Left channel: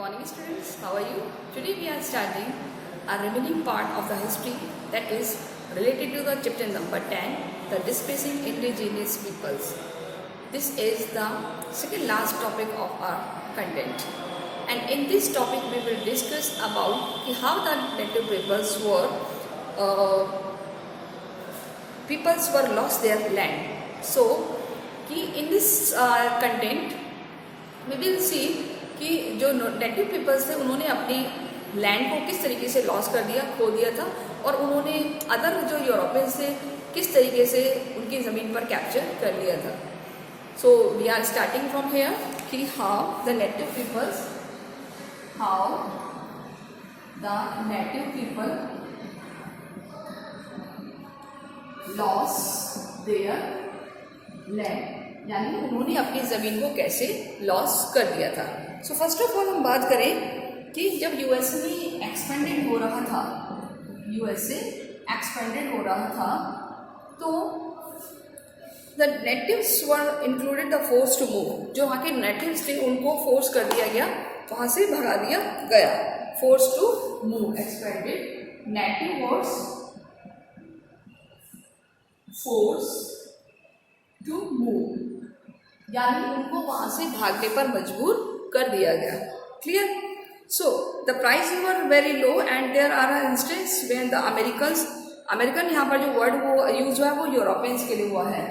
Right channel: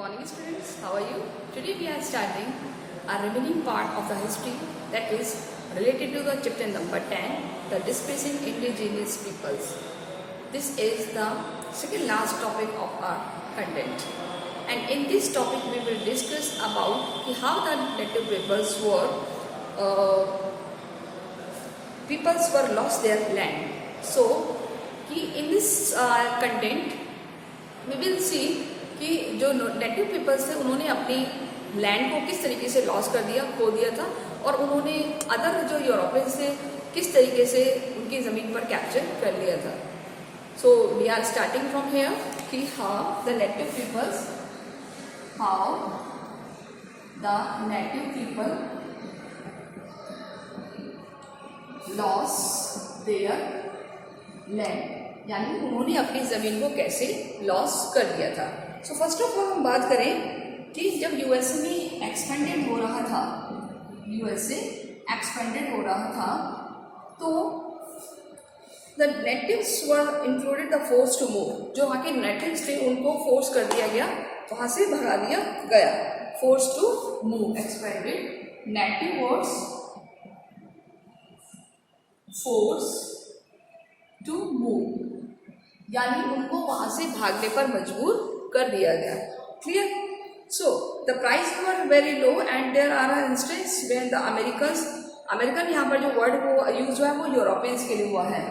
morning students, how are you? Today we are starting a remaining part of the history that is related to the chapter number 10, the displacing indigenous peoples. This is the second last topic of our content, and in this topic we will discuss about how the native peoples were lost their land. So in this content we will see कि जो native peoples थे उन्होंने अपनी land को किस तरीके से loss कर दिया, खो दिया था, और उन्होंने अदर जो यूरोपियंस थे किस तरीके से उनकी ज़मीन पर कैप्चर कर लिया था. So we are starting from here कि how the native people loss their land, यानी उन्होंने अपनी ज़मीन को कैसे लॉस कर दिया था. सो फर्स्ट ऑफ ऑल हम बात करें कि जब यूएसए में एक्सपेंडेड हो रहा था, तो the natives were included the force to move. जो वहाँ के नेटिव्स थे उनको फोर्स कर दिया गया, वहाँ से भगा दिया गया. Force to move, expanded, native words force to move, यानी उनको वहाँ से भागने पर मजबूर कर दिया गया. Clear? So the price were very low and there are instance when the American यहाँ पर जो वर्ड वो यूज हुआ है वो यूरोपियंस के लिए हुआ है.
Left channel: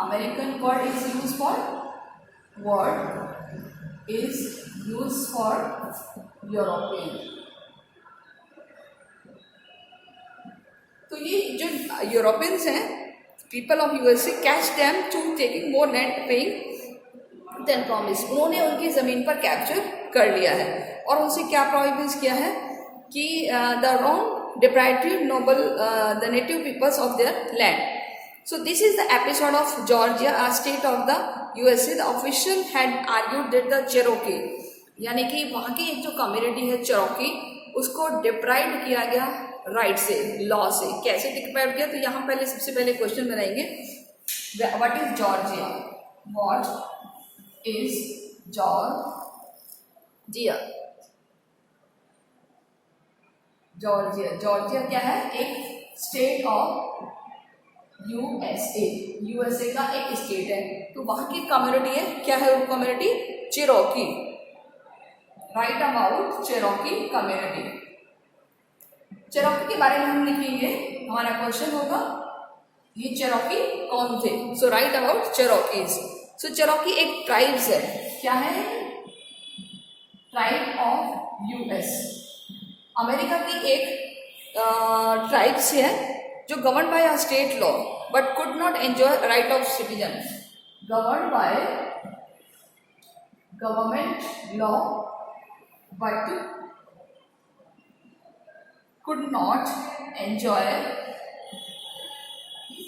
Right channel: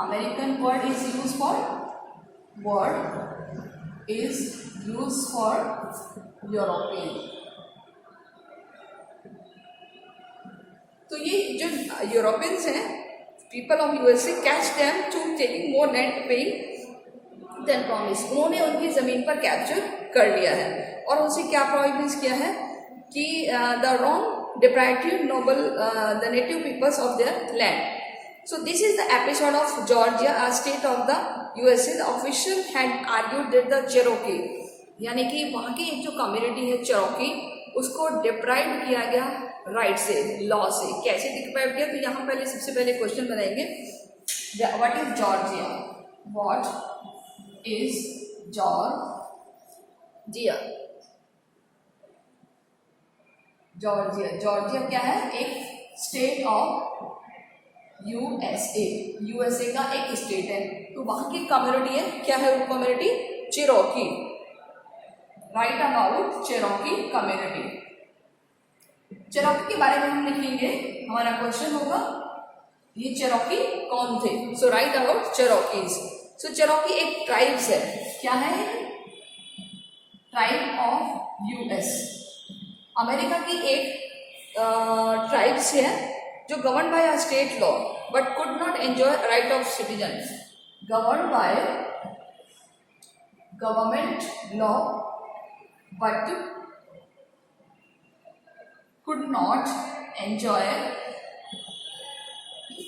American word is use for European. तो ये जो यूरोपियंस हैं, people of USA, catch them to taking more land than promise. उन्होंने उनकी जमीन पर कैप्चर कर लिया है और उनसे क्या प्रोहिबिट किया है कि the wrong deprivatory noble the native peoples of their land. So this is the episode of Georgia, a state of the USA. The official had argued that the Cherokee, यानी कि वहाँ की एक जो कम्युनिटी है चेरोकी, उसको deprive किया गया राइट से, लॉ से. कैसे डिप्राइव किया? तो यहाँ पहले सबसे पहले क्वेश्चन बनाएंगे, what is Georgia? What is Georgia? Georgia क्या है? एक स्टेट ऑफ यूएसए का एक स्टेट है. तो वहां की कम्युनिटी है, क्या है वो community? Cherokee. Right about Cherokee community. Cherokee के बारे में हम लिखेंगे, हमारा क्वेश्चन होगा ये चिरोकी कौन थे. सो राइट अबाउट चिरोकीज. सो चिरोकी एक ट्राइब्स है. क्या है? Tribe of US. अमेरिका की एक ट्राइब्स है जो govern by a state law but could not enjoy right of citizen. Govern by government law but could not enjoy,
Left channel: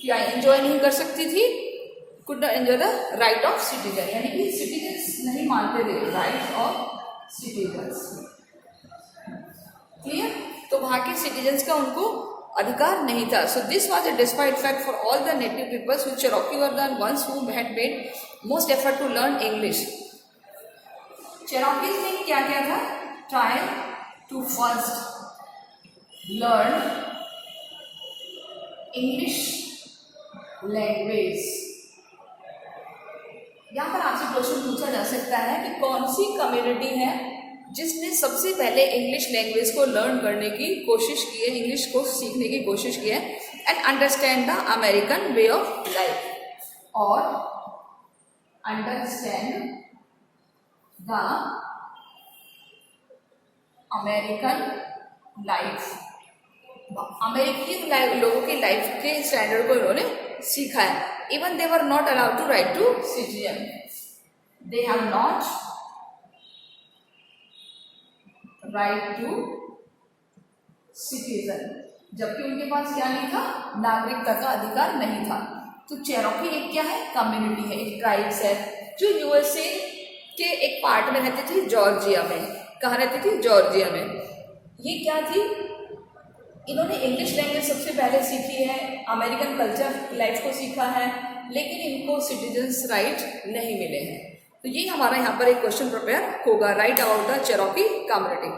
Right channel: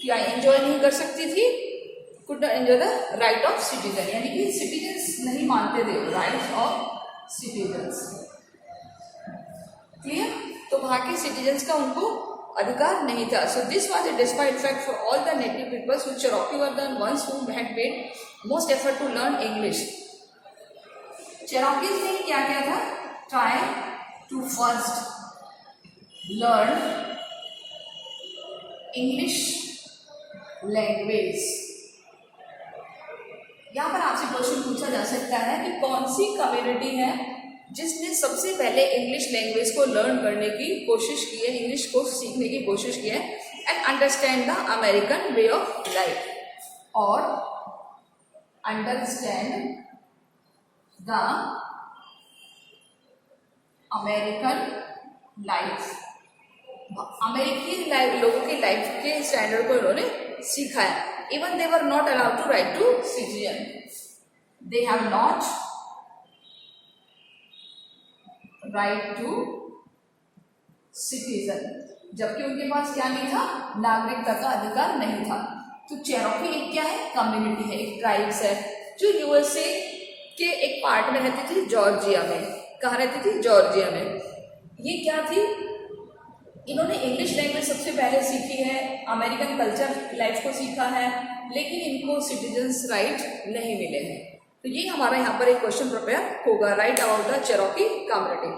क्या एंजॉय नहीं कर सकती थी? Could not enjoy the right of citizen, यानी कि सिटीजन्स नहीं मानते थे राइट ऑफ सिटीजन्स. क्लियर? तो वहां के सिटीजन्स का उनको अधिकार नहीं था. So this was a despite fact for all the native peoples which Cherokee were the ones who had made most effort to learn English. Cherokees ने क्या किया था? Try to first learn English language. यहाँ पर आपसे question पूछा जा सकता है कि कौन सी कम्युनिटी है जिसने सबसे पहले इंग्लिश लैंग्वेज को लर्न करने की कोशिश की है, इंग्लिश को सीखने की कोशिश की है, and understand the American way of life, और अंडरस्टैंड द अमेरिकन लाइफ. अमेरिकी लोगों की लाइफ के स्टैंडर्ड को उन्होंने सीखा है. Even they were not allowed to write to citizen. They have not right to citizen. जबकि उनके पास क्या नहीं था? नागरिकता का अधिकार नहीं था. तो चेरोकी एक क्या है? कम्युनिटी है, एक ट्राइब्स है जो यूएसए के एक पार्ट में रहती थी, जॉर्जिया में. कहाँ रहती थी? जॉर्जिया में. ये क्या थी? इन्होंने इंग्लिश लैंग्वेज सबसे पहले सीखी है, अमेरिकन कल्चर लाइफ को सीखा है, लेकिन इनको सिटीजन्स राइट नहीं मिले हैं. तो ये हमारा यहाँ पर एक क्वेश्चन प्रिपेयर होगा, right about the Cherokee community.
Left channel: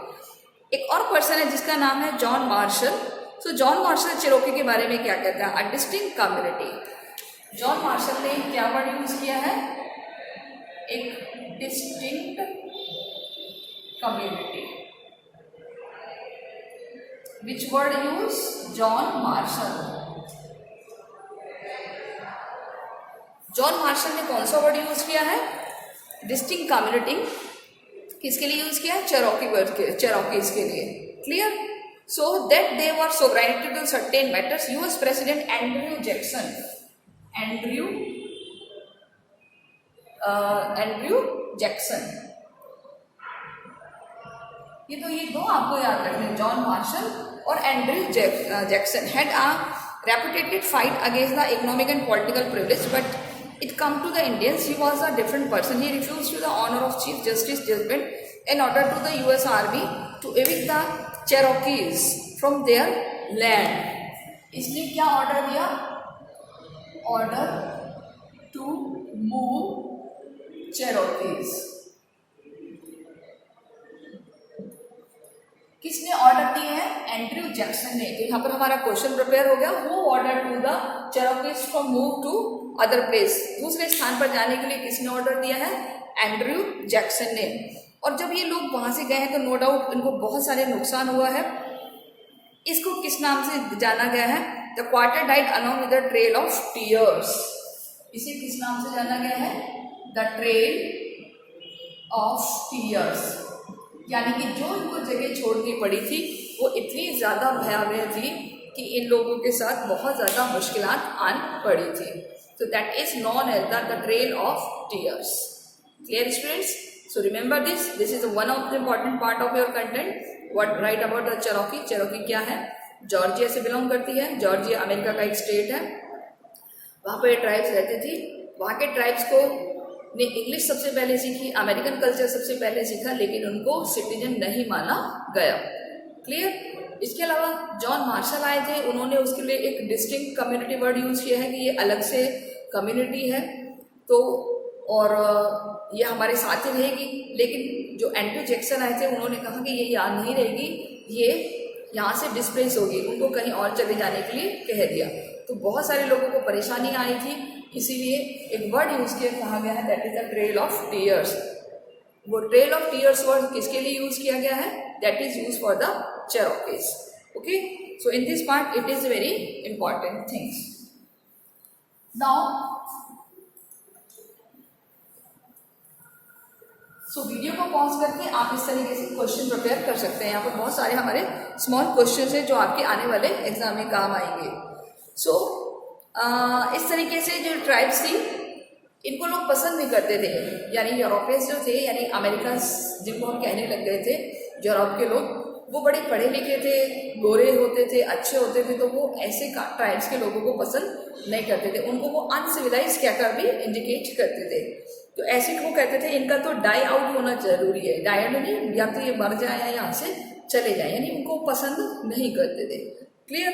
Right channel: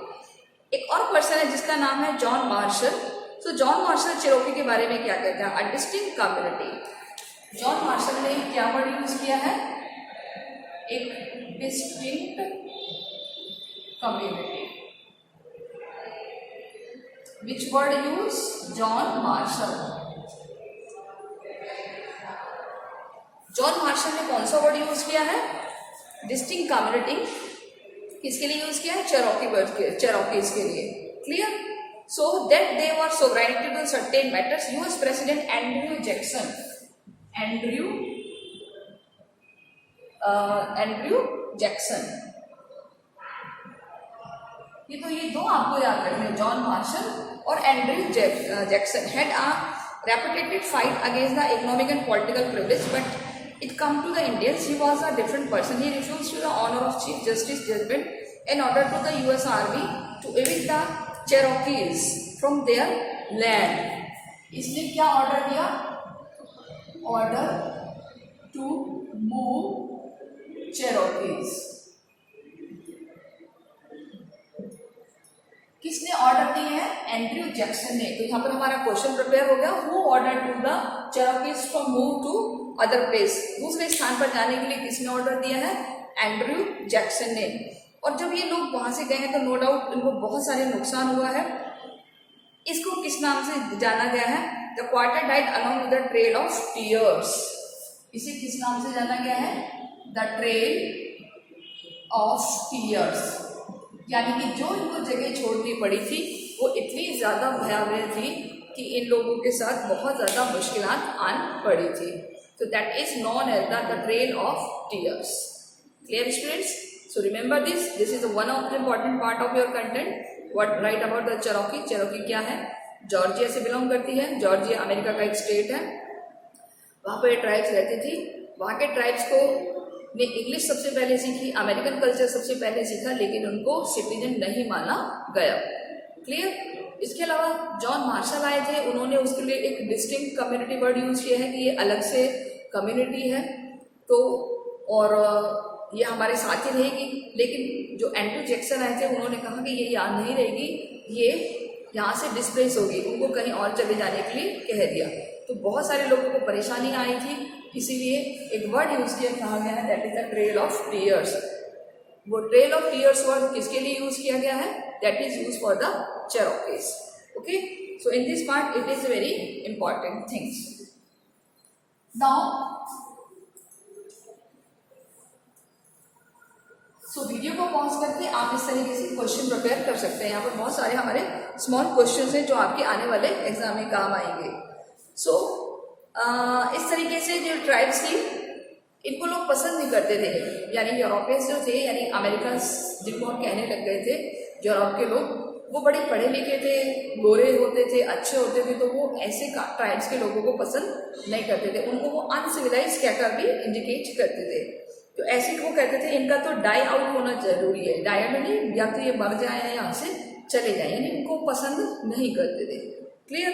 एक और पर्सन है जिसका नाम है जॉन मार्शल। सो जॉन मार्शल चेरोकी के बारे में क्या कहता है, a distinct community. John Marshall ने क्या वर्ड यूज किया है, एक distinct community. Which word use, John Marshall. John Marshall ने कौन सा वर्ड यूज किया है, डिस्टिंक्ट कम्युनिटी। किसके लिए यूज किया, चेरोकी वर्ड के, चेरोकीज के लिए। Clear. So that they were sovereignty to certain matters, US president Andrew Jackson, Andrew Jackson, ये दो आपको याद रखना है, जॉन मार्शल और Andrew Jackson had a reputed fight against the economic and political privilege, but it come to the Indians, he was a different person. He refused to the honor of Chief Justice judgment in order to the US Army to evict the Cherokees from their land. इसलिए क्या order दिया, order to move Cherokees। किसने order दिए हैं, Andrew Jackson ने। तो यहाँ पर हमारा क्वेश्चन प्रिपेयर हो गया, who order to the Cherokees from move to other place, दूसरे स्थान पर जाने के लिए किसने ऑर्डर दिया है, एंड्रयू जैक्सन ने। और जब ये लोग वहां से गए हैं तो नो डाउट इनको बहुत सारे नुकसान हुआ है। इसको किस नाम से जाना गया है, the quarter died along with the trail of tears. इसे किस नाम से जाना गया है, द ट्रेल ऑफ टीयर्स। यानी कि जो इनको जगह छोड़नी पड़ी थी वो इतनी ज्यादा भयावह थी कि इन लोगों के साथ बहुत ज्यादा मुश्किलात आन पड़ी थी। So that is known as the trail of tears. Clear students? So remember this. This is one of the important part of your content. What write about the Cherokee? Cherokee क्या है, जॉर्जिया से belong करती है। Georgia America का एक state है। वहाँ पे ट्राइब्स रहती थी। वहाँ के ट्राइब्स को ने इंग्लिश सबसे पहले सीखी, अमेरिकन कल्चर सबसे पहले सीखा, लेकिन उनको सिटीजन नहीं माना गया। क्लियर। इसके अलावा जॉन मार्शल आए थे, उन्होंने उसके लिए एक डिस्टिंक्ट कम्युनिटी वर्ड यूज किया है कि ये अलग से कम्युनिटी है, तो और ये हमारे साथ ही रहेगी। लेकिन जो एंड्रयू जैक्सन आए थे उन्होंने कहा कि ये यहाँ नहीं रहेगी, ये यहाँ से डिस्प्लेस होगी, उनको कहीं और चले जाने के लिए कह दिया। तो बहुत सारे लोगों को परेशानी आई थी, इसीलिए एक वर्ड यूज किया, कहा गया है that is the trail of tears. वो ट्रेल ऑफ टीयर्स वर्ड किसके लिए यूज किया गया है, that is use for the Cherokees. Okay, so in this part it is very important things. Now, so video को पॉज करके आप इस तरीके से क्वेश्चन प्रिपेयर कर सकते हैं। यहाँ पर बहुत सारे हमारे स्मॉल क्वेश्चन हैं जो आपके आने वाले एग्जाम में काम आएंगे। So इस तरीके से जो ट्राइब्स थी इनको लोग पसंद नहीं करते थे, यानी यूरोपियंस जो थे, यानी अमेरिकन जिनको हम कहने लग गए थे, यूरोप के लोग, वो बड़े पढ़े लिखे थे, गोरे होते थे, अच्छे होते थे, तो वो ऐसे ट्राइब्स के लोगों को पसंद नहीं करते थे। उनको वो अनसिविलाइज कहकर भी इंडिकेट करते थे। तो ऐसे वो कहते थे इनका तो डाई आउट होना जरूरी है, डाई नहीं, या तो ये मर जाए या यहाँ से चले जाए, यानी इनको पसंद नहीं करते थे। क्लियर।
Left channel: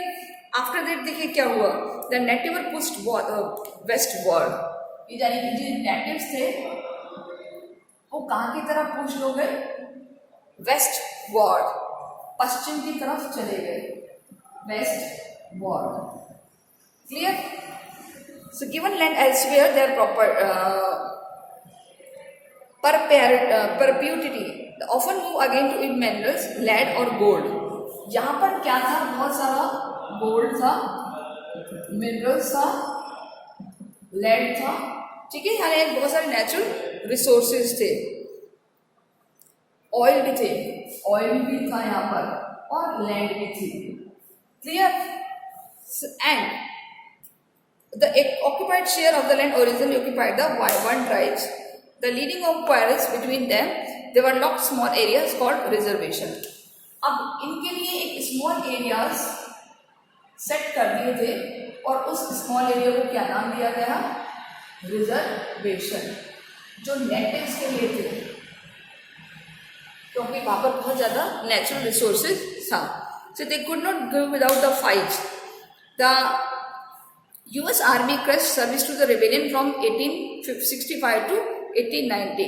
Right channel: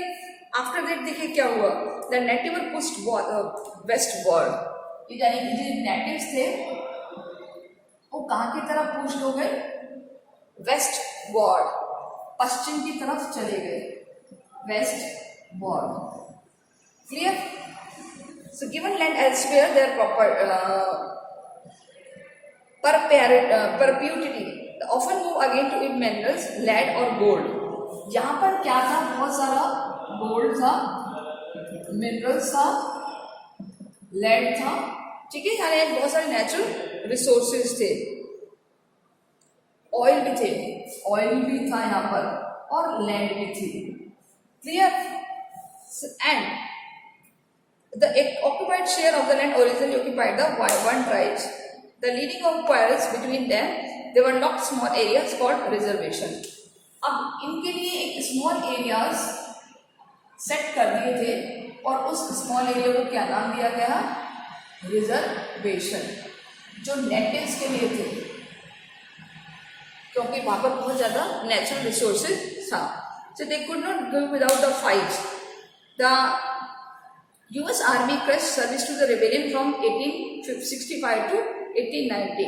आफ्टर दैट देखिए क्या हुआ, the native pushed west world. ये यानी कि जो नेटिव्स थे वो कहाँ की तरफ पुश हो गए, वेस्ट वर्ल्ड, पश्चिम की तरफ चले गए, west world. Clear. So given land elsewhere their proper perpetuity often move again to it minerals lead और गोल्ड। यहाँ पर क्या था, बहुत सारा गोल्ड था, मिनरल्स था, लेड था, ठीक है, हमारे बहुत सारे नेचुरल रिसोर्सेज थे, ऑयल भी थे, ऑयल भी था यहाँ पर, और लैंड भी थी। Clear. And the occupied share of the land originally occupied the one tribes. The leading of quarrels between them, they were locked small areas called reservation. अब इनके लिए एक स्मॉल एरियाज सेट कर दिए थे और उस स्मॉल एरिया को क्या नाम दिया गया, रिजर्वेशन, जो नेटिव्स के लिए थे, क्योंकि वहां पर बहुत ज्यादा नेचुरल रिसोर्सेज था। So they could not go without the fight. The US Army crushed service to the rebellion from 1865 to 1890,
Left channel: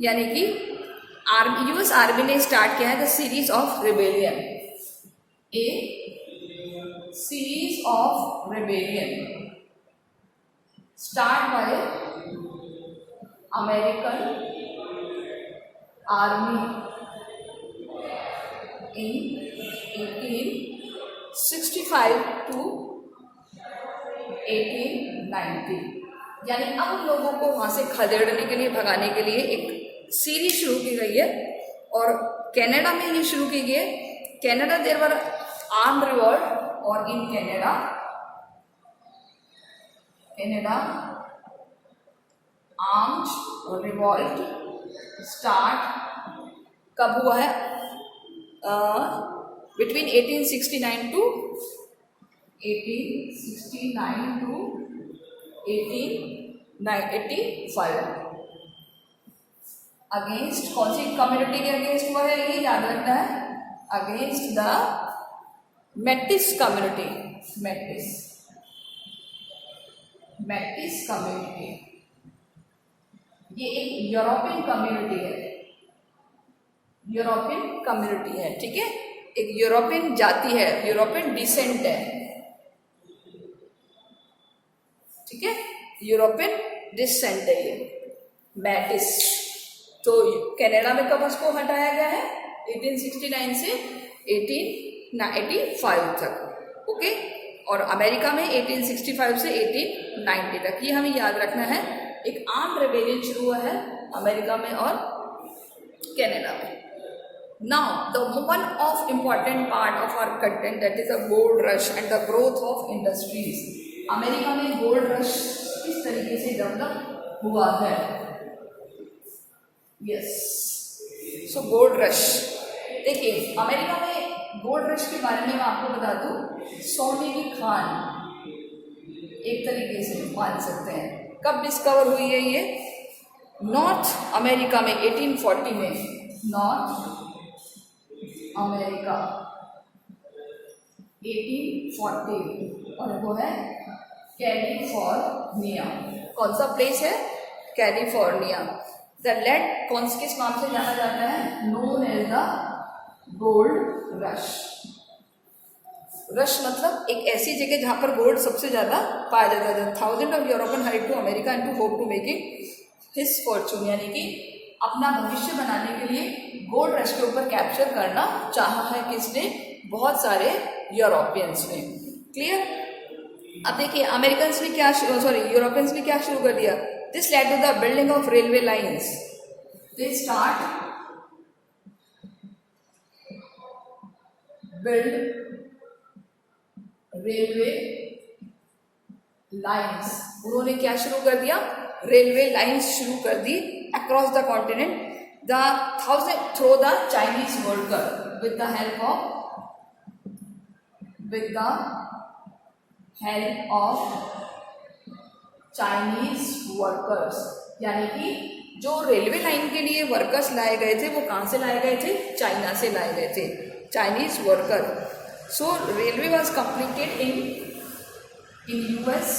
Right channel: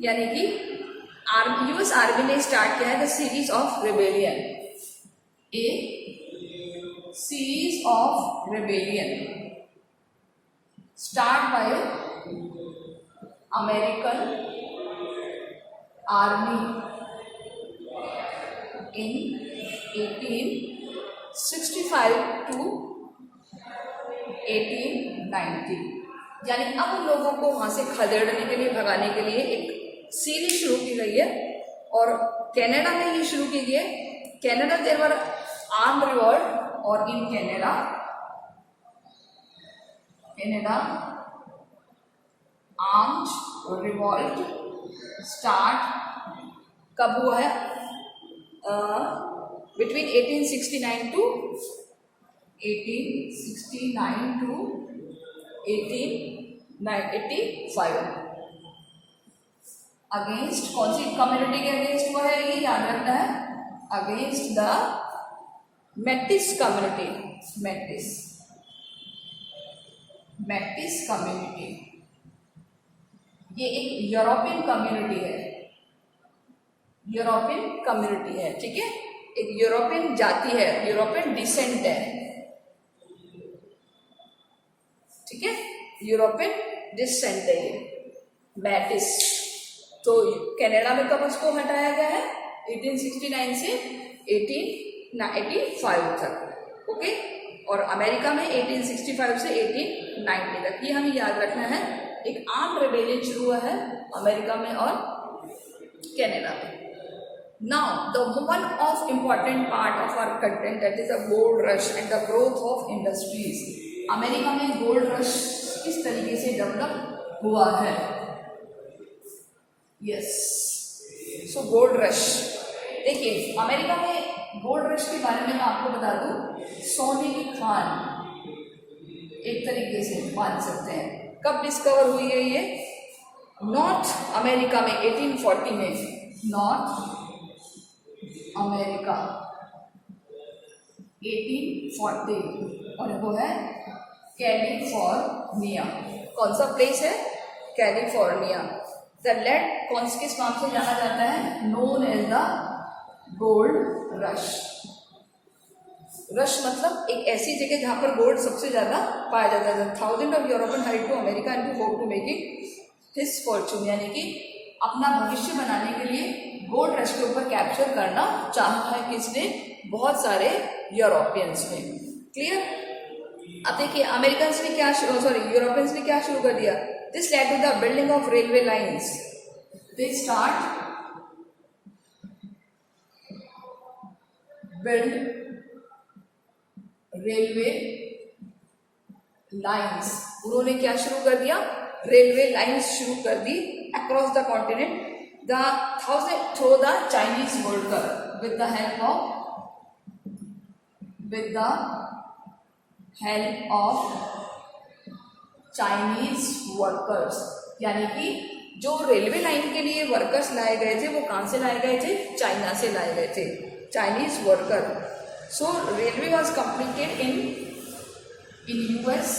यानी कि यूएस आर्मी ने स्टार्ट किया है the series of rebellion, A series of rebellion start by American army in 1865 to 1890, यानी अब उन लोगों को वहां से खदेड़ने के लिए, भगाने के लिए एक सीरीज शुरू की गई है और कनाडा में ये शुरू की गई है। Canada there were armed revolt, और in Canada armed revolt start कब हुआ है? बिटवीन 1869 to 1885 अगेंस्ट कौन सी कम्युनिटी के अगेंस्ट हुआ है, ये याद रखना है, अगेंस्ट द मेटिस कम्युनिटी, मेटिस कम्युनिटी। ये एक यूरोपियन कम्युनिटी है, यूरोपियन कम्युनिटी है, ठीक है, एक यूरोपियन जाति है, यूरोपियन डिसेंट है, ठीक है, यूरोपियन डिसेंट है ये मैटिस। तो कनाडा में कब उसको हटाया गया है? 1869 से 1885 तक, ओके, और अमेरिका में 1865 से 1890 तक। ये हमें याद रखना है। एक आर्म्ड रेबेलियन शुरू हुआ है अमेरिका में और कनाडा में। Now, the one of important part of our content, that is the gold rush and the growth of industries. America में गोल्ड रश किस तरीके से डेवलप हुआ है? यस, सो गोल्ड रश, देखिए अमेरिका में गोल्ड रश के बारे में मैं आपको बता दूं, सोने की खान एक तरीके से मान सकते हैं। कब डिस्कवर हुई है ये? नॉर्थ अमेरिका में 1840 में, नॉर्थ अमेरिका 1840, और वो है कैलिफोर्निया। कौन सा प्लेस है? कैलिफोर्निया। द लैंड किस नाम से जाना जाता है? Known as the gold rush. Rush मतलब एक ऐसी जगह जहां पर गोल्ड सबसे ज्यादा पाया जाता था। Thousand of European hide to America and to hope to making his fortune, यानी कि अपना भविष्य बनाने के लिए गोल्ड रश के ऊपर कैप्चर करना चाहा है किसने? बहुत सारे यूरोपियंस ने। क्लियर? अब देखिए अमेरिकन ने क्या यूरोपियंस ने क्या शुरू कर दिया? This led to the building of railway lines. They start build railway lines. उन्होंने क्या शुरू कर दिया? रेलवे लाइन्स शुरू कर दी across the continent through the Chinese worker with the help of Chinese workers, यानी कि जो रेलवे लाइन के लिए वर्कर्स लाए गए थे वो कहां से लाए गए थे? चाइना से लाए गए थे, Chinese worker. So railway was completed in US.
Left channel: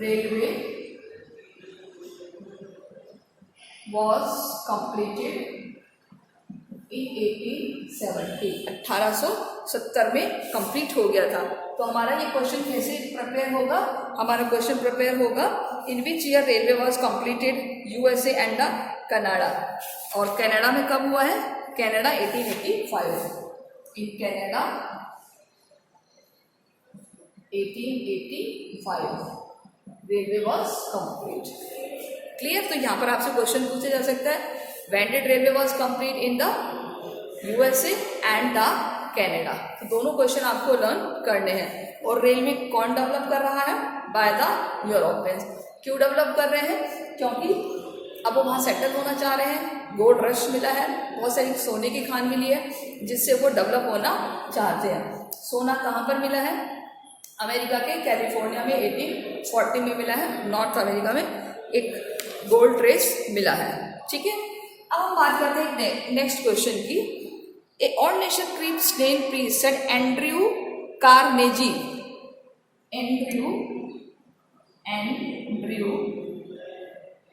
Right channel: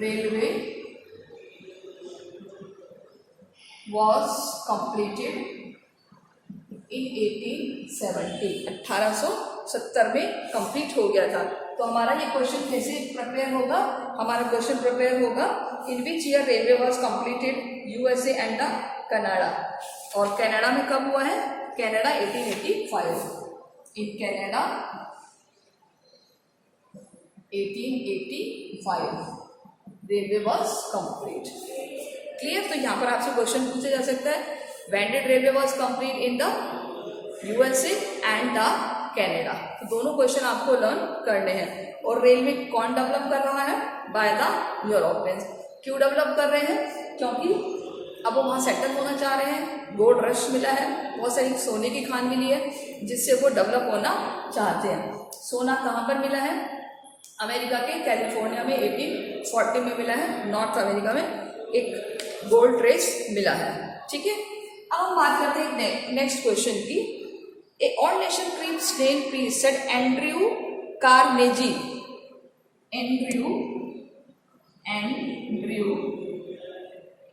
Railway was completed in 1870, 1870 में कंप्लीट हो गया था। तो हमारा ये क्वेश्चन कैसे प्रिपेयर होगा? हमारा क्वेश्चन प्रिपेयर होगा in which year railway was completed USA and the Canada. और कनाडा में कब हुआ है? Canada 1885। In Canada 1885 railway was complete. Clear? तो यहाँ पर आपसे क्वेश्चन पूछा जा सकता है, when did railway was complete in the USA and the Canada. तो दोनों क्वेश्चन आपको लर्न करने हैं। और रेलवे कौन डेवलप कर रहा है? By the Europeans. क्यों डेवलप कर रहे हैं? क्योंकि अब वो वहाँ सेटल होना चाह रहे हैं, गोल्ड रश मिला है, बहुत सारी सोने की खान मिली है जिससे वो डेवलप होना चाहते हैं। सोना कहाँ पर मिला है? अमेरिका के कैलिफोर्निया में 1840 में मिला है। नॉर्थ अमेरिका में एक गोल्ड ट्रेस मिला है, ठीक है। अब हम बात करते हैं नेक्स्ट क्वेश्चन की। A all nation creeps name please said Andrew Carnegie. Andrew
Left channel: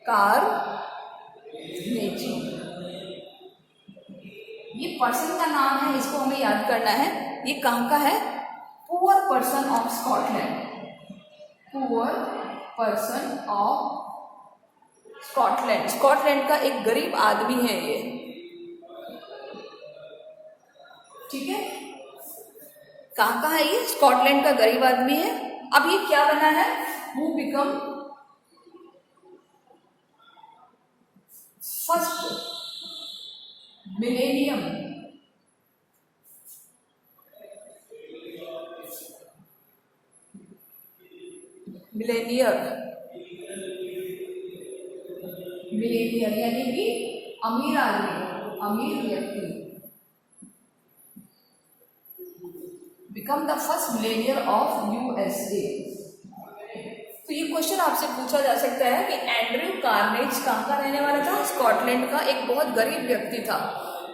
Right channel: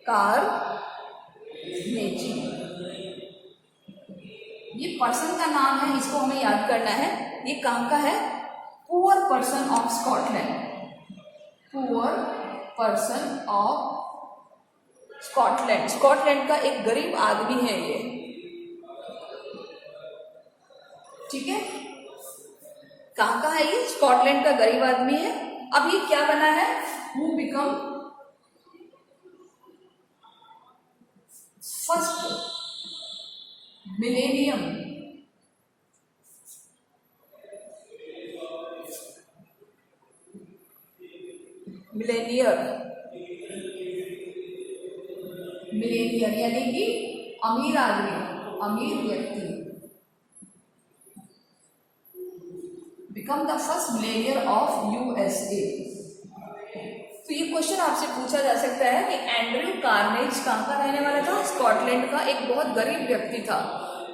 Carnegie. ये पर्सन का नाम है, इसको हमें याद करना है। ये कहाँ का है? Poor person of Scotland, poor person of Scotland. Scotland का एक गरीब आदमी है ये, ठीक है। कहाँ का है ये? स्कॉटलैंड का गरीब आदमी है। अब ये क्या बना है? Who become first millennium Millionaire यानी कि अमीर आदमी, अमीर व्यक्ति, become the first Millionaire of USA. तो ये क्वेश्चन आपसे पूछा जा सकता है कि एंड्रयू कार्नेज कहाँ का रहने वाला था? स्कॉटलैंड का एक बहुत गरीब व्यक्ति था।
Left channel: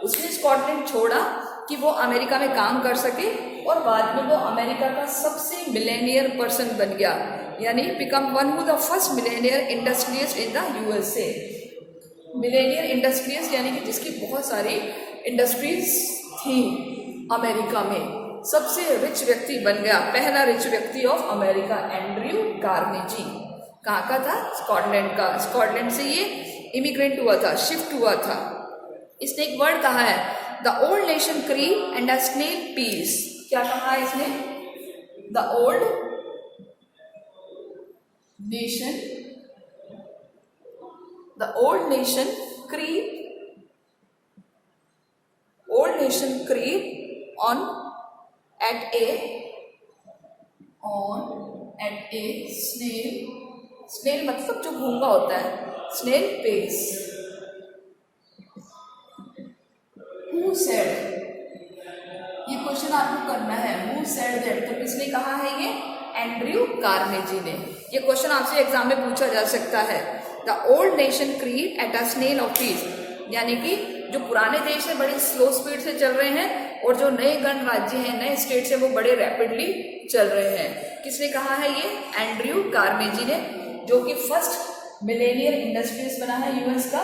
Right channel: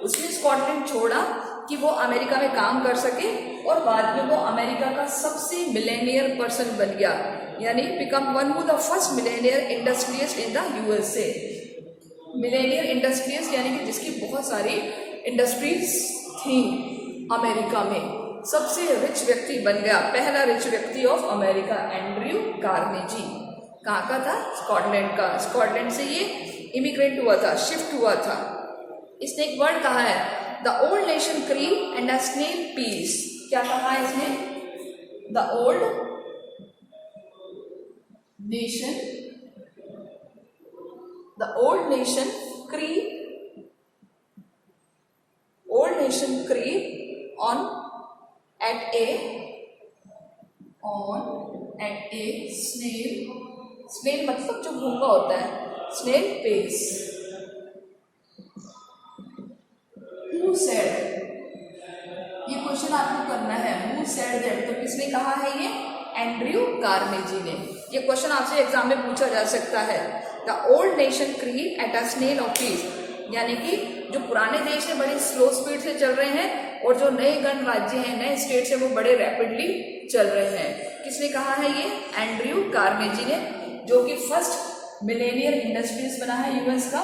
उसने स्कॉटलैंड छोड़ा कि वो अमेरिका में काम कर सके, और बाद में वो अमेरिका का सबसे मिलेनियर पर्सन बन गया, यानी become one of the first Millionaire industrialist in the USA. Millionaire industrialist यानी कि जिसकी बहुत सारी इंडस्ट्रीज थी अमेरिका में, सबसे रिच व्यक्ति बन गया, पहला रिच व्यक्ति ऑफ अमेरिका, एंड्रयू कार्नेजी। कहाँ का था? स्कॉटलैंड का। स्कॉटलैंड से ये इमिग्रेंट हुआ था, शिफ्ट हुआ था। इसने एक वर्ड कहा है, the old nation creep and a snail pace. क्या कहा है इसने? The old nation, the old nation creep, old nation creep on at a snail मतलब जो घूंगा होता है, snail pace। Who said, ये क्वेश्चन आपको करना है, who said that, तो किसने कहा है ये? एंड्रयू कार्नेजी ने। ये क्वेश्चन आपसे एग्जाम में पूछा जा सकता है। The old nation creep at a snail of pace, यानी कि जो पुराने देश है बड़े स्लो स्पीड से चल रहे हैं, और जो नए गणराज्य हैं, नए स्टेट्स हैं, वो बड़े रैपिडली चल रहे हैं। किसने कहा है ये? एंड्रयू कार्नेजी ने, जो कि फर्स्ट मिलेनियर इंडस्ट्रीज बना है यूएस का।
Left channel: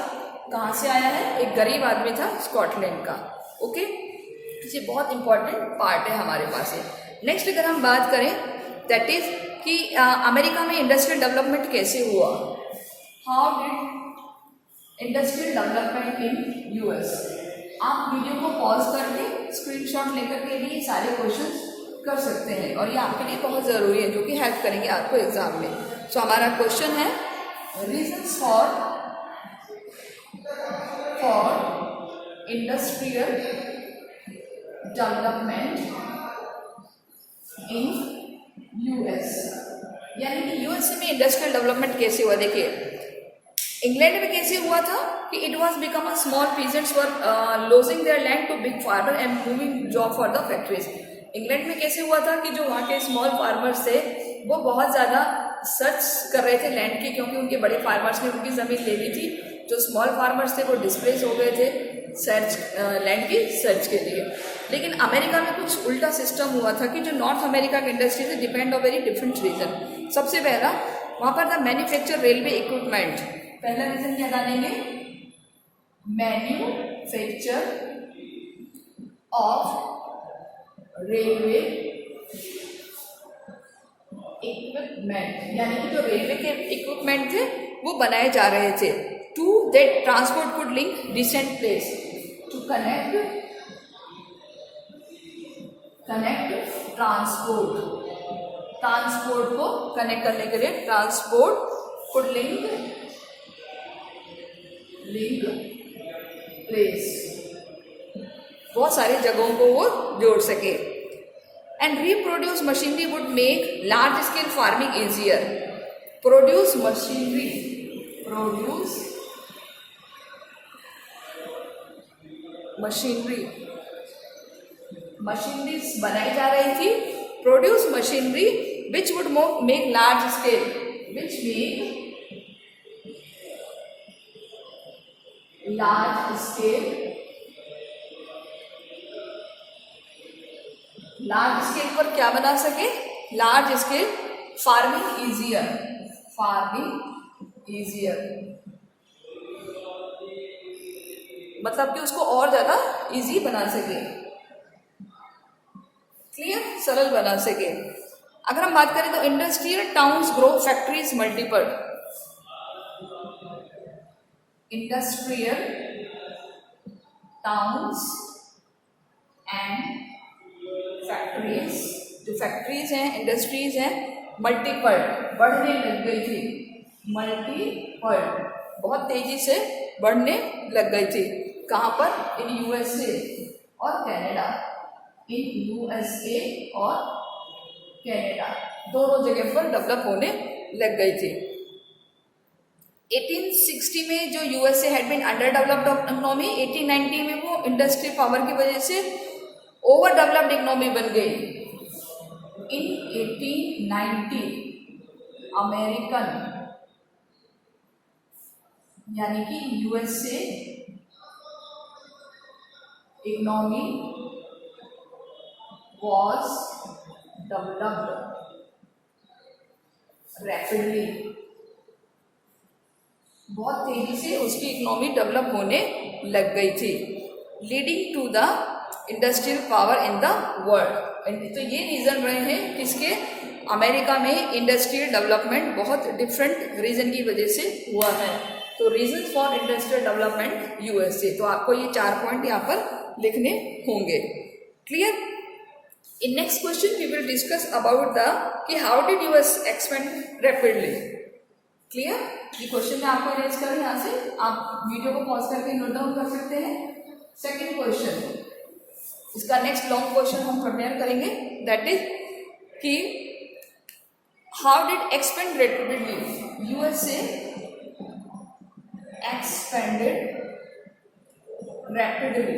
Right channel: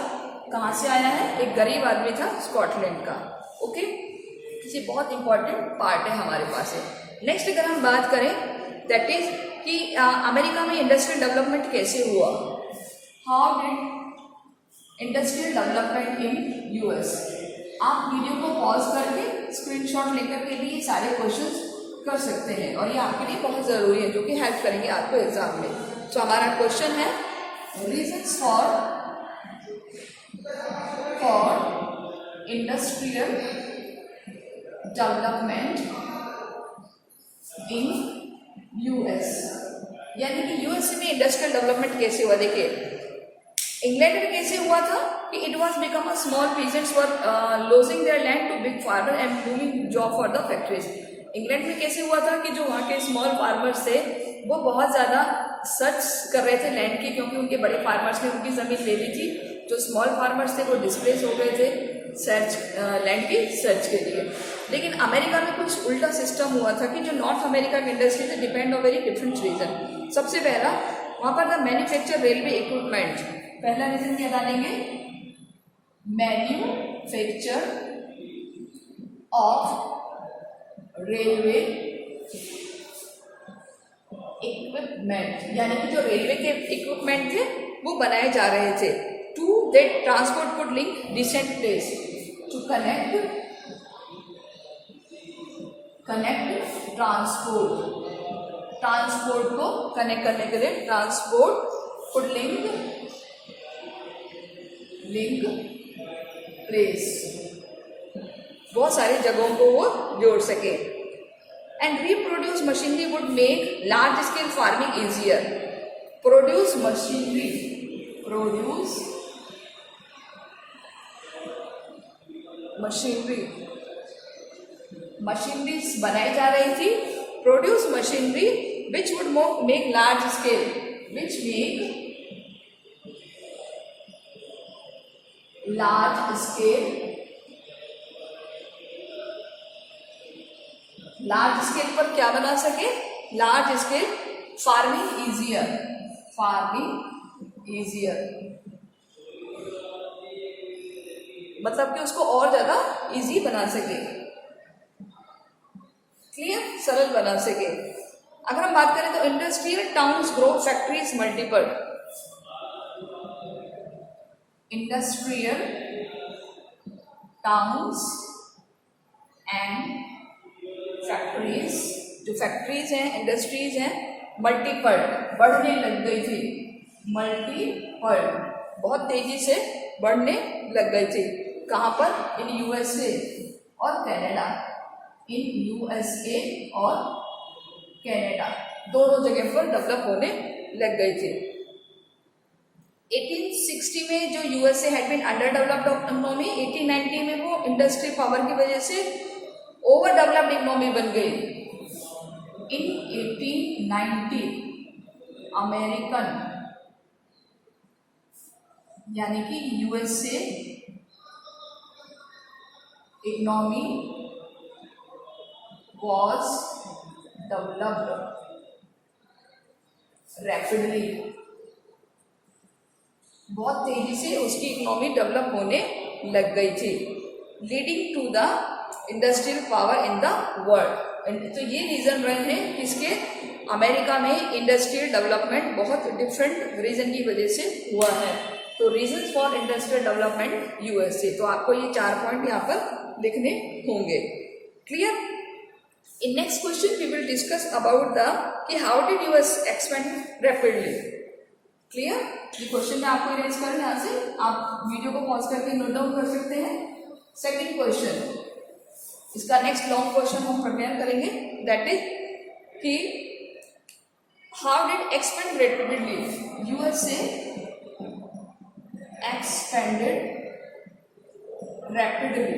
कहाँ से आया है? एक गरीब आदमी था स्कॉटलैंड का। ओके, ये बहुत इंपॉर्टेंट पार्ट है हमारे पास है। नेक्स्ट अगर हम बात करें, दैट इज कि अमेरिका में इंडस्ट्रियल डेवलपमेंट कैसे हुआ। How did industrial development in US. आप वीडियो को पॉज करके स्क्रीनशॉट लेकर के भी सारे क्वेश्चंस कर सकते हैं, और ये आपके लिए बहुत ज़रूरी है, जो कि हेल्प करेंगे आपको एग्जाम में। तो हमारा क्वेश्चन है, reasons for industrial development in US, यानी कि यूएस में इंडस्ट्रियल डेवलपमेंट कैसे हुआ। देखिए, इंग्लैंड में कैसे हुआ था कि it was become a small peasants were losing their land to big farmer and moving job for the factories. England में कैसे हुआ था कि जो वहाँ के स्मॉल फार्मर्स थे वो बहुत ज़्यादा सर्च कर रहे थे लैंड की, क्योंकि उनके बड़े फार्मर्स ने उनकी ज़मीन ले ली थी। जो स्मॉल फार्मर्स थे वो डिस्प्लेस हो गए थे लैंड की सर्च के लिए। लेकिन अमेरिका में कुछ उल्टा सिस्टम हुआ था कि जो नॉर्थ अमेरिका की इंडस्ट्री से depend on very different region. सबसे पहला, वहाँ पर था मैन्युफैक्चर रेलवे इक्विपमेंट। पहला रीजन क्या डालेंगे? मैन्युफैक्चर ऑफ रेलवे इक्विपमेंट, यानी कि जो रेलवे के इक्विपमेंट थे वो बनाए जा रहे थे। To that transport could link distant place, to connect transport को कनेक्ट करने के लिए ट्रांसपोर्ट कुड लिंक प्लेस, बहुत सारी जगहों को वो जोड़ सके। And reproduce machinery would make large scale farming easier. Produce machineries बनाई जा रही थी। Produce machinery which would make large scale, large scale पर क्या बना सके? लार्ज स्केल फार्मिंग इजियर, मतलब कि उसको और ज्यादा इजी बना सके, क्लियर, सरल बना सके। अगर हम बात करें तो industrial towns grow, factories multiple. Industrial towns and factories, जो फैक्ट्रीज हैं, इंडस्ट्रीज हैं, मल्टीपल, बढ़ने लग गई थी, मल्टीपल, बहुत तेजी से बढ़ने लग गई थी। कहाँ पर? इन यूएसए और कनाडा, इन यूएसए और कनाडा, दोनों जगह पर डेवलप होने लग गई थी। 1860 में जो USA had been under developed economy, 1890 में वो इंडस्ट्री पावर की वजह से ओवर डेवलप्ड इकोनॉमी बन गई। इन 1890 अमेरिकन यानी कि USA economy was developed rapidly, बहुत तेजी से उसकी इकोनॉमी डेवलप होने लग गई थी, leading to the industrial power in the world. तो ये रीजन रहे हैं किसके? अमेरिका में इंडस्ट्रियल डेवलपमेंट बहुत डिफरेंट रीजन की वजह से हुआ है। तो region for industrial development USA, तो आपको ये 4 पॉइंट यहाँ पर लिखने होंगे, clear. In next question we will discuss about the कि how did US expand rapidly, clear। ये क्वेश्चन मैं आपको इरेज करूँ, यहाँ से आप वीडियो को पॉज करके नोट डाउन कर सकते हैं। सेकंड क्वेश्चन, इसका नेक्स्ट लॉन्ग क्वेश्चन हम प्रिपेयर करेंगे, दैट इज कि how did expand rapidly, USA expanded rapidly,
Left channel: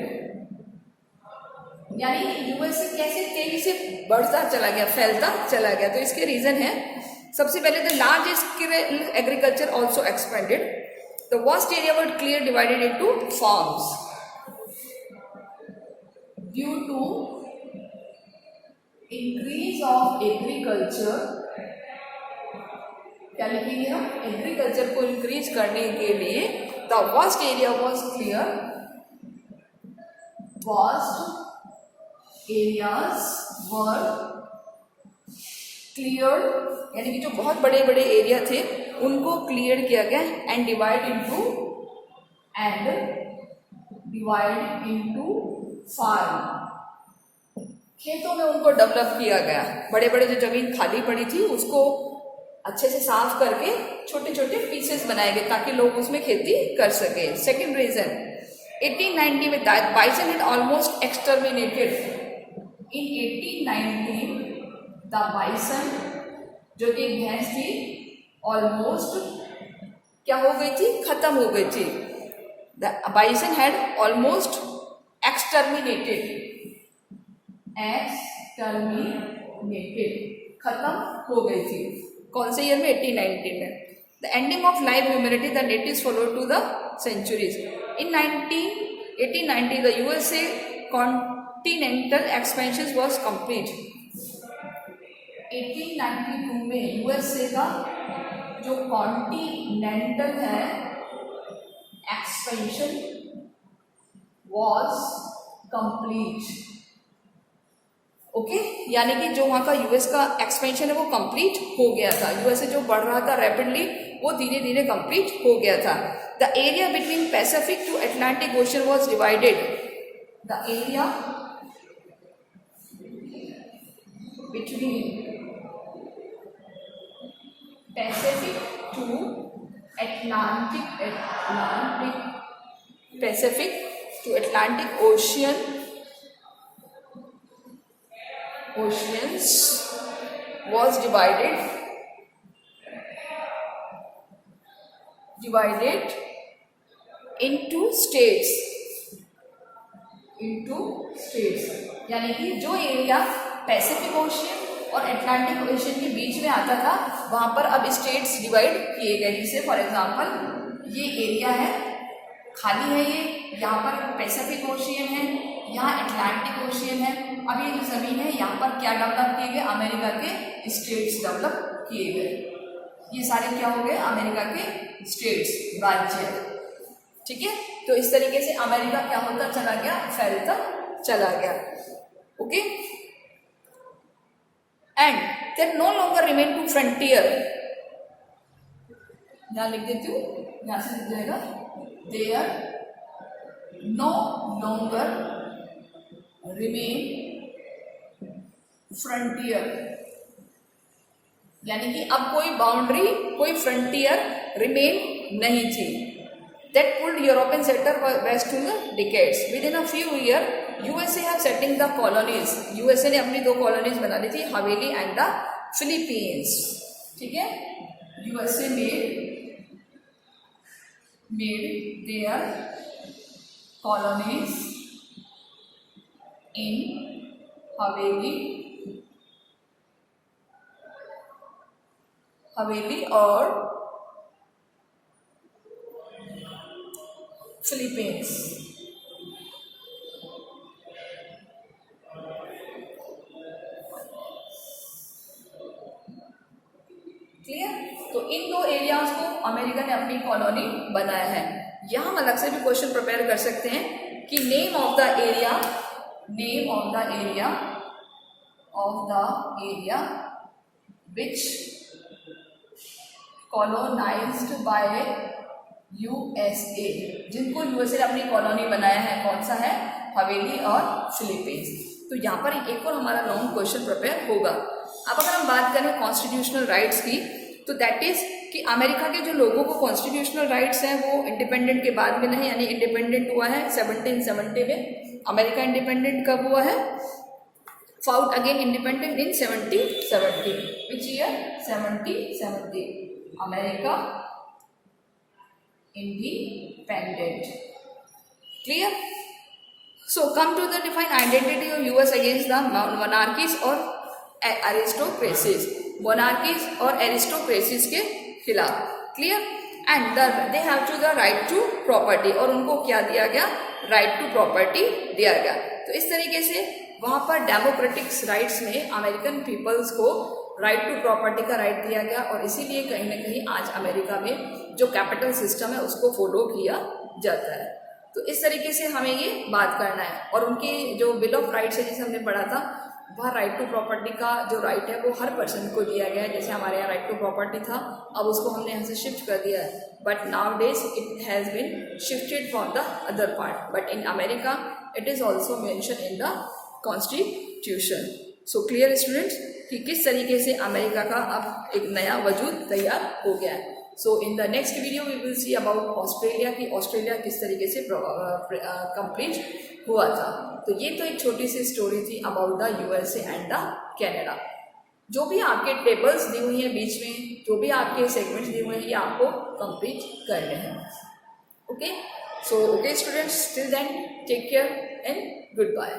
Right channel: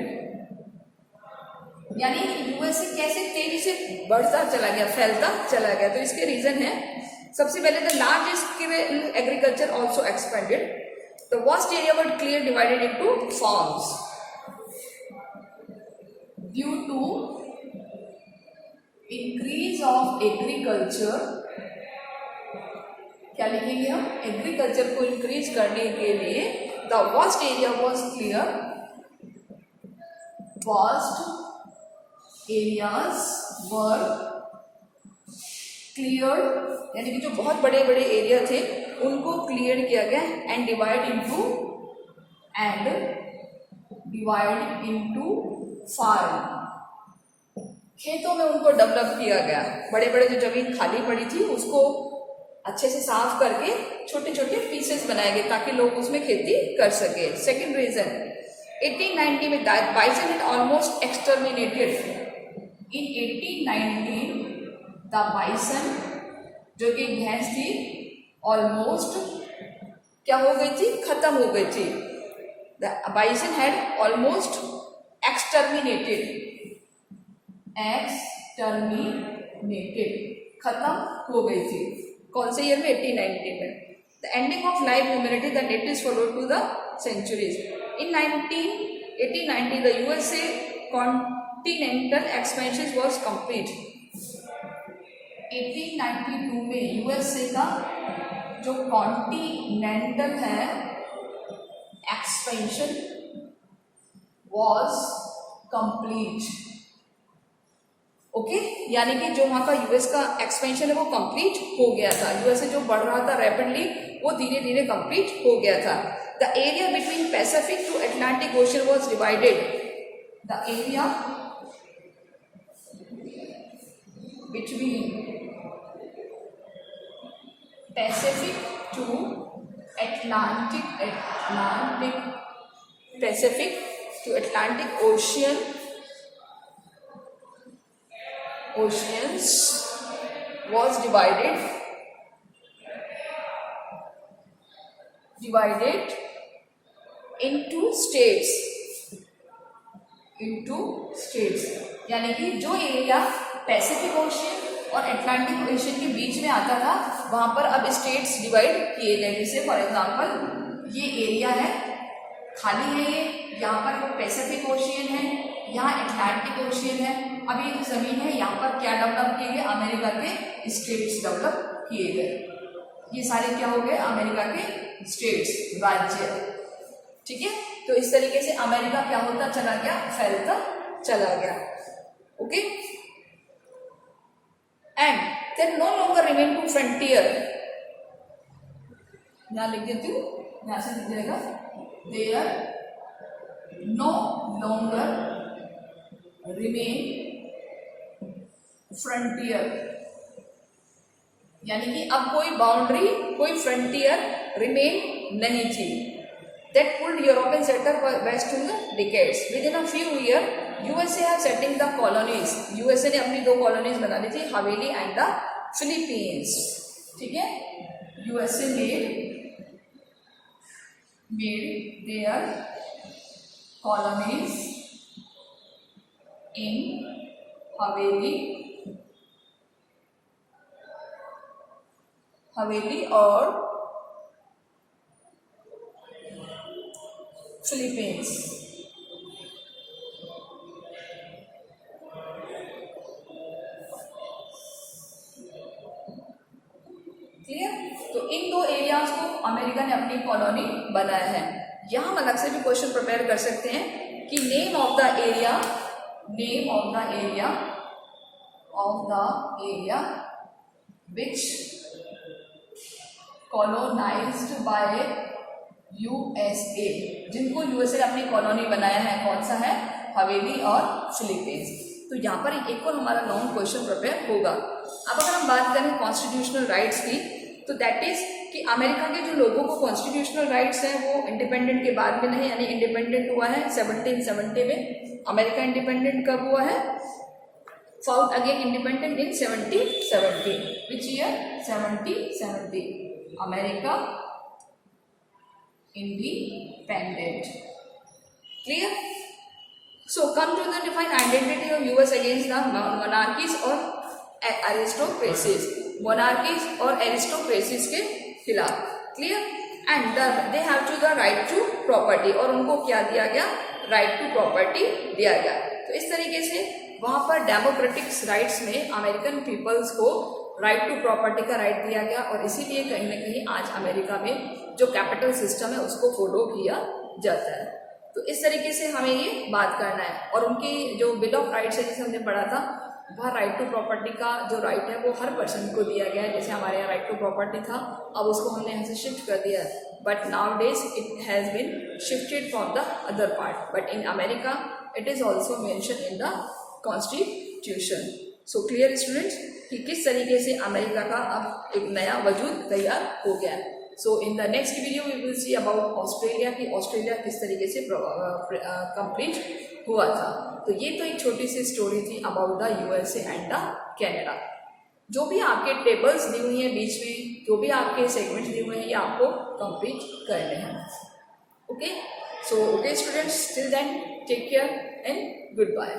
यानी यूएसए कैसे तेजी से बढ़ता चला गया, फैलता चला गया। तो इसके रीजन है, सबसे पहले the large scale agriculture also expanded, the vast area was clear divided into farms due to increase of agriculture. क्या लिखेंगे हम? एग्रीकल्चर को इंक्रीज करने के लिए the vast area was clear, vast areas were clear, यानी कि जो बहुत बड़े बड़े एरिया थे उनको क्लियर किया गया, एंड डिवाइड इनटू फार्म, खेतों में उनको डेवलप किया गया। बड़े बड़े जो जमीन खाली पड़ी थी उसको अच्छे से साफ करके छोटे छोटे पीसेस बनाए गए ताकि लोग उसमें खेती कर सके। सेकेंड रीजन, 1890 में bison is almost exterminated. In 1890 the bison, जो कि भैंस थी, ऑलमोस्ट क्या हो गई थी? खत्म हो गई थी। द बाइसन हैड ऑलमोस्ट एक्सटर्मिनेटेड, खत्म हो गई थी। कौन से ईयर में? 1890 में। The ending of live humanity the natives followed to the centuries. In 1890 the USA continental expansion was complete. 1892 में यूएसए का जो कॉन्टिनेंटल है एक्सपेंशन वॉज कंप्लीट। ओके, यानी कि जो वहां का यूएस का एक्सपेंशन है वो कंप्लीट हो गया था। यूएसए जो बढ़ रहा था रैपिडली वो धीरे धीरे कंप्लीट हो गया था। The area between Pacific to Atlantic Ocean was divided. The area between Pacific to Atlantic oceans was divided into states, यानी कि जो एरिया पैसिफिक ओशियन और अटलांटिक ओशियन के बीच में आता था वहां पर अब स्टेट्स डिवाइड किए गए। जैसे फॉर एग्जांपल ये एरिया है, खाली है, ये यहाँ पर पैसिफिक ओशियन है, यहाँ अटलांटिक ओशियन है। अब ये जो जमीन है यहाँ पर क्या डेवलप किए गए? अमेरिका के स्टेट्स डेवलप किए गए। ये सारे क्या हो गए? अमेरिका के स्टेट्स, राज्य। ठीक है। तो इस तरीके से अमेरिका क्या होता चला गया, फैलता चला गया. Okay, and there no longer remain to frontier. यहां लिख देती हूँ, यहां से लिख जाएगा there no longer remain frontier, यानी कि अब कोई बाउंड्री, कोई फ्रंटियर रिमेन नहीं थी. That pulled European settler west to the decades. Within a few years, USA have setting the colonies. USA ने अपनी 2 colonies बना ली थी, हवेली एंड द फिलीपींस. ठीक है, USA made their colonies in हवेली और फिलीपींस. क्लियर. तो इन 2 एरियाज को अमेरिका ने अपनी कॉलोनी बनाया है. यहां हम अलग से भी क्वेश्चन प्रिपेयर कर सकते हैं कि name of the area which colonized by USA, जिनको यूएसए ने अपनी कॉलोनी बनाया है, कौन सा है, हवेली और फिलीपींस. तो यहाँ पर एक और हमारा लॉन्ग क्वेश्चन प्रिपेयर होगा. अब अगर हम बात करें कॉन्स्टिट्यूशनल राइट्स की, तो दैट इज कि अमेरिका के जो लोगों को कॉन्स्टिट्यूशनल राइट्स हैं वो इंडिपेंडेंट के बाद में नहीं, यानी इंडिपेंडेंट हुआ है 1770 में. अमेरिका इंडिपेंडेंट कब हुआ है, found again independent in 1770. Which year, 1770. America independent. Clear? So come to the defined identity of US against the monarchies or aristocracies. Monarchies और aristocracies के खिलाफ. Clear? And they have to the right to property. और उनको क्या दिया गया, right to property दिया गया. तो इस तरीके से वहां पर डेमोक्रेटिक राइट्स में अमेरिकन पीपल्स को राइट टू प्रॉपर्टी का राइट दिया गया. और इसीलिए कहीं ना कहीं आज अमेरिका में जो कैपिटल सिस्टम है उसको फॉलो किया जाता है. तो इस तरीके से हमें ये बात करना है. और उनकी जो बिल ऑफ राइट्स है जिसे हमने पढ़ा था, वह राइट टू प्रॉपर्टी का जो राइट है वो हर पर्सन को दिया गया है. जैसे हमारे यहाँ राइट टू प्रॉपर्टी था, अब उसको हमने यहाँ से शिफ्ट कर दिया है. But nowadays it has been shifted from the other part. But in America it is also mention in the constitution. So clear students कि किस तरीके से अमेरिका का अब एक नया वजूद तैयार हो गया है. So in the next video we will see about Australia कि ऑस्ट्रेलिया किस तरीके से कंप्लीट हुआ था. तो ये तो एक छोटी सी स्टोरी थी about the USA and the Canada. जो भी आपके टेबल्स दी हुई हैं बीच में, जो भी आपके सेगमेंट्स दिए हुए हैं, ये आपको कंप्लीट करने हैं. Okay, so okay students, till then take care and good bye.